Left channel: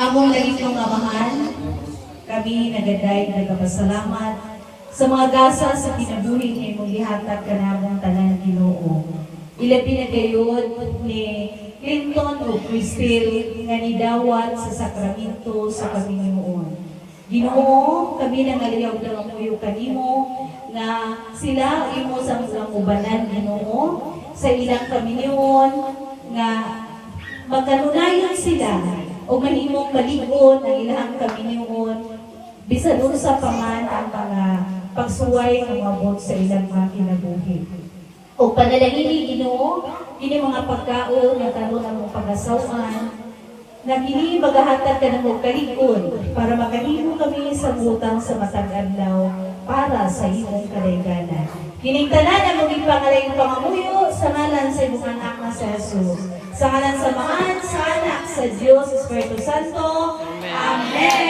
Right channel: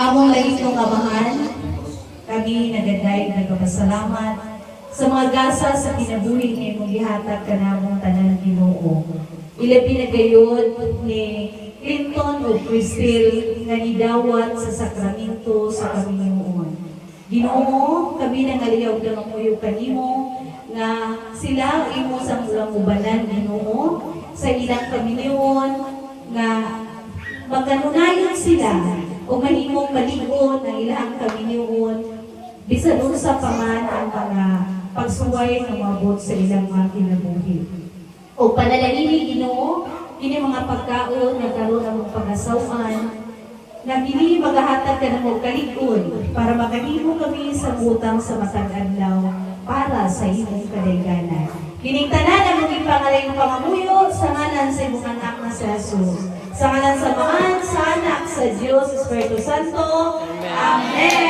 Among laitong amahan, kami nagaday nagapasalamat sa mga gasa sa kinabuhi ni mong gihatag kanamong tanan Ginoo. Ilabi na gayud ni Clinton o Cristel nga nidawat sa sakramento sa Panginoon. Ginoo, kami nangaliyaw na mamuyo kanimo na sila imo sa mulang ubanan Ginoo sa ilang Panginoon nga magkanunayan sila o mahimong malig-on ang ilang Panginoon bisan sa paman ang mga pagsuway ng mga bot sa ilang mga kinabuhi. O panalangin Ginoo, ini mga pagkaon na karon ang mong pag-asawan na kini maghahatag ka ng mong kalig-on para makahimo kami sa butang sa matag adlaw para sa imong kadayganan. Kining tanan ang maging pangalayong pangamuyo sa ngalan sa imong anak na sa Jesus. Sa ngalan sa Ama, sa Anak, sa Diyos, Espiritu Santo. Amen.